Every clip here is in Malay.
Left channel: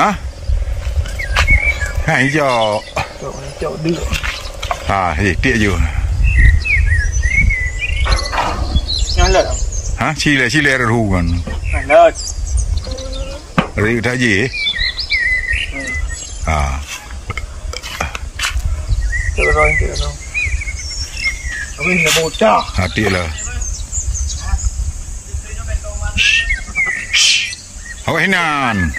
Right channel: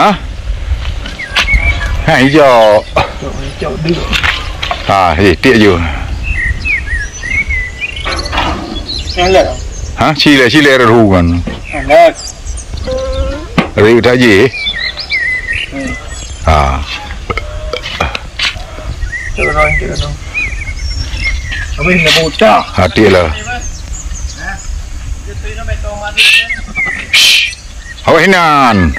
hả hay cho gì tiện vừa hả chi lệ rồi hù còn rồi cái gì tiện là hỏi nan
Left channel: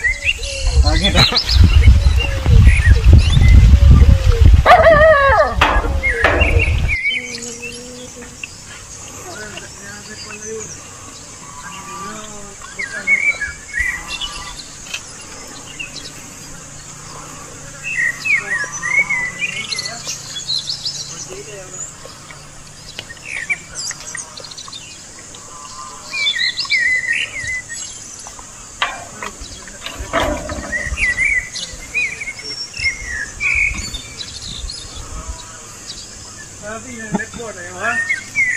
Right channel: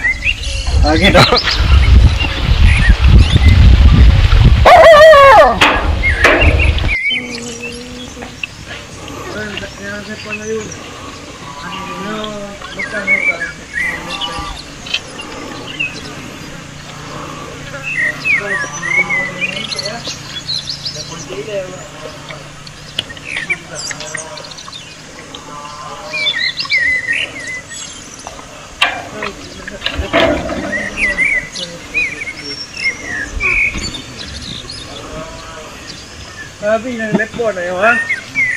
พี่นั่งเล็บปวดไหนวะ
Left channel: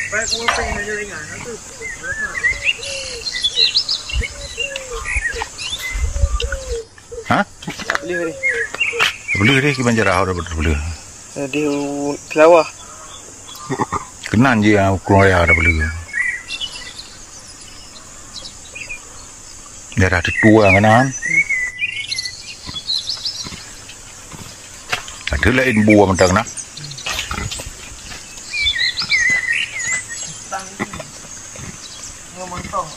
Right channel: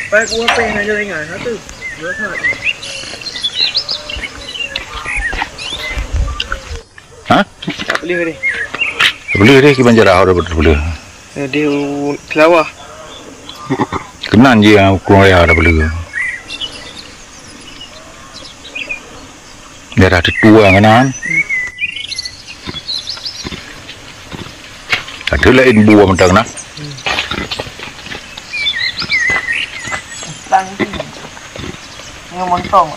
ไปกูว่าเป็นไงจะได้ไงฮะตึ๊บเยอะขนาดนี้hả beli đi cái banjar ahor beli di Kelawa kenan je kurang ya ada beli daerah tua kanan ada lain buah mentang nak montong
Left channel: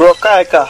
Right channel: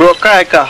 Rokai kah?